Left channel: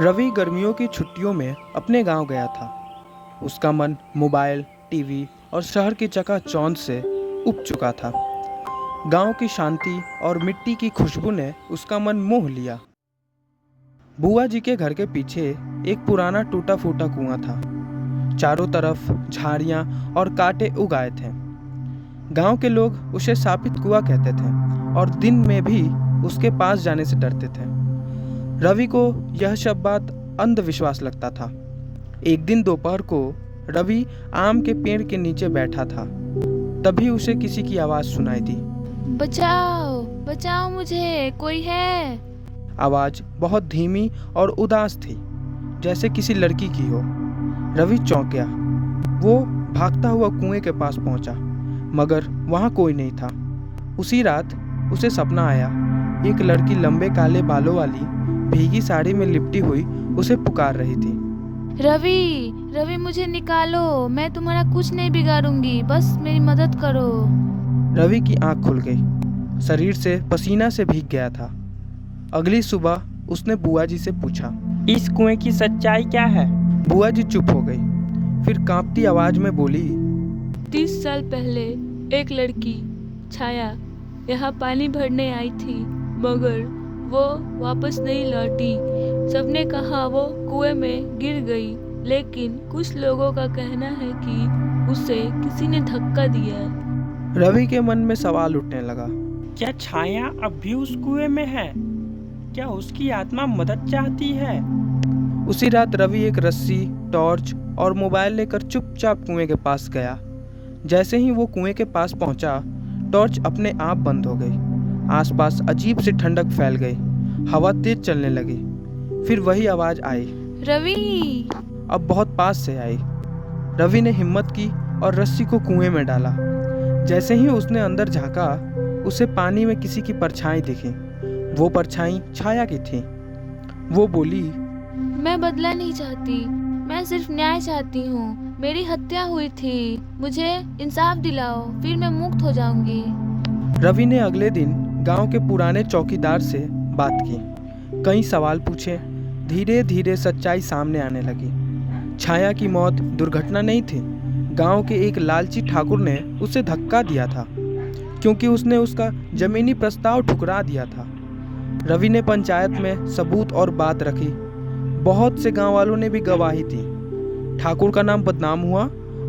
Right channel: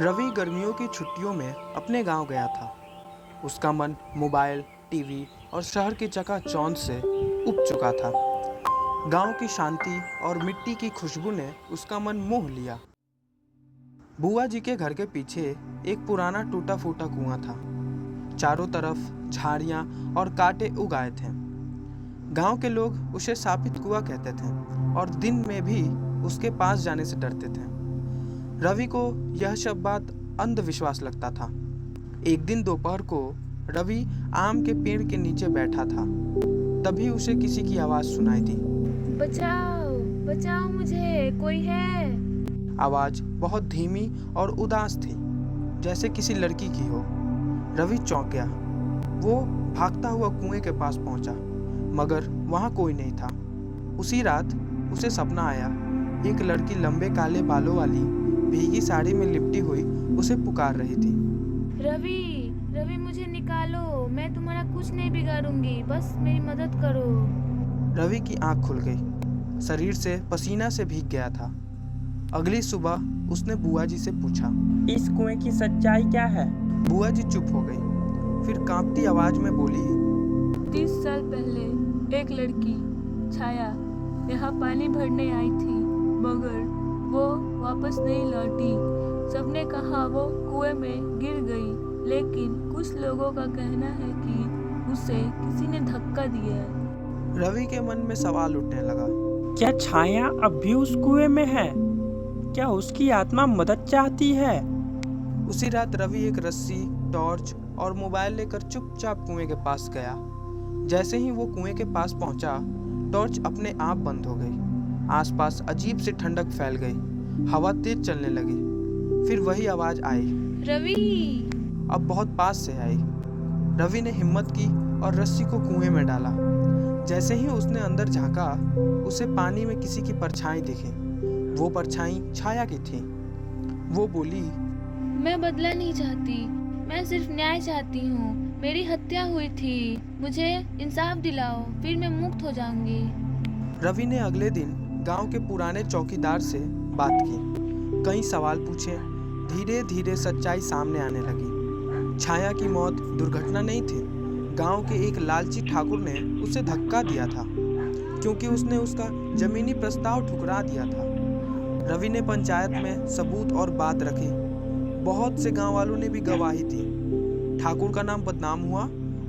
रवि गर्मियों की छुट्टियों में अपने गांव गया था। उसका मन मोबाइल, टीवी और शहर की चकाचौंध से उब चुका था। गांव की शांति और मिट्टी की खुशबू ने उसका मन मोह लिया। बुआ जी के घर के पीछे एक पुराना टूटा फूटा कुआं था। चारों तरफ झाड़ियां और कांटे उग आए थे। गांव के लोग उसे शापित कुआं कहते थे और दिन में भी उसके पास जाने से डरते थे। रवि को यह सब बात अंधविश्वास लगता था। एक दिन दोपहर को रवि आम के पेड़ के नीचे बैठा था। तभी उसे किसी की आवाज़ सुनाई दी। बचाओ बचाओ, मुझे कोई है। आवाज़ बहुत धीमी और उदास थी, जैसे किसी लड़की की हो। रवि चौंक गया। वो भागता हुआ कुएं के पास पहुंचा, मगर वहां कोई नहीं था। उसी रात उसे सपना आया। एक लड़की लंबे काले बालों वाली भीगी साड़ी में लिपटी हुई उसे पुकार रही थी। रवि रवि, मुझे निकालो, मैं तुम्हारा कुछ नहीं बिगाड़ूंगी, बस मेरी मदद करो। रवि की आंख खुल गई। शरीर से पसीना से भीग गया था। अगली सुबह उसने बुआ जी से पूछा, इस कुएं की सच्चाई क्या है? बुआ जी चुप हो गई। फिर कांपती आवाज में बोली, 30 साल पहले एक लड़की छाया यहाँ पानी भरने आई थी, मगर वो वापस नहीं लौटी। सबने कहा वो कुएं में गिर गई, लेकिन कुछ लोगों का कहना है कि उसे किसी ने धक्का दिया। रवि के मन में सवाल उठने लगा। क्या छाया अब भी उस कुएं में है? क्या उसकी आत्मा मदद चाहती है? उसी रात रवि एक रस्सी, टॉर्च और मोबाइल लेकर चुपचाप कुएं के पास गया। जैसे ही वो कुएं के पास पहुंचा, टॉर्च अपने आप बंद हो गई। आसपास अजीब सी ठंडक फैल गई। हवा तेज चलने लगी। फिर वही आवाज आई, रवि! अब बहुत पास से आई। रवि ने हिम्मत की और रस्सी को कुएं में डाला। जैसे ही उसने अंदर झांका, उसे पानी में किसी की परछाई दिखी। वो परछाई छाया की थी। वो बोली, मैं बदला नहीं चाहती, मैं सिर्फ न्याय चाहती हूँ। मेरी हत्या हुई थी, मुझे इंसाफ दिलाओ, फिर मैं मुक्त हो जाऊंगी। रवि ने अगले दिन गांव के पुराने चौकीदार से बात की। कई सवाल पूछे। धीरे धीरे सच्चाई सामने आने लगी। छाया की मौत दुर्घटना नहीं थी। गांव के एक लालची ठाकुर ने उसे धक्का दिया था, क्योंकि उसने उसका जमीनी प्रस्ताव ठुकरा दिया था। रवि ने पंचायत में सबूत और बात रखी। बहुत से गांव वालों ने भी गवाही दी। ठाकुर का नाम बदनाम हुआ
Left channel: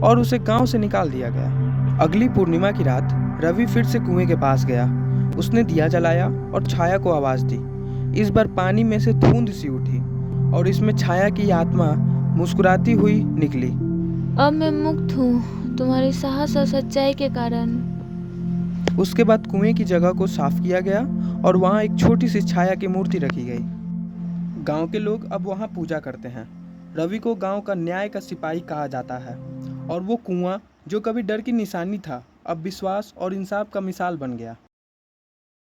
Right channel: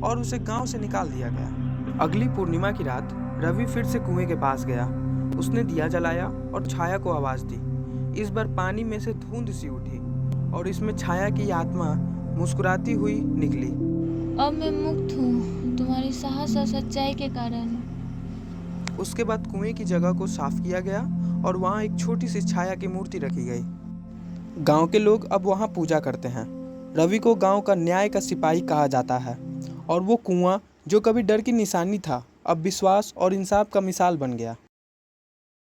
और उसे गांव से निकाल दिया गया। अगली पूर्णिमा की रात रवि फिर से कुएं के पास गया। उसने दिया जलाया और छाया को आवाज दी। इस बार पानी में से धुंध सी उठी और इसमें छाया की आत्मा मुस्कुराती हुई निकली। अब मैं मुक्त हूँ, तुम्हारे साहस और सच्चाई के कारण। उसके बाद कुएं की जगह को साफ किया गया और वहां एक छोटी सी छाया की मूर्ति रखी गई। गांव के लोग अब वहां पूजा करते हैं। रवि को गांव का न्याय का सिपाही कहा जाता है और वो कुआं जो कभी डर की निशानी था, अब विश्वास और इंसाफ का मिसाल बन गया।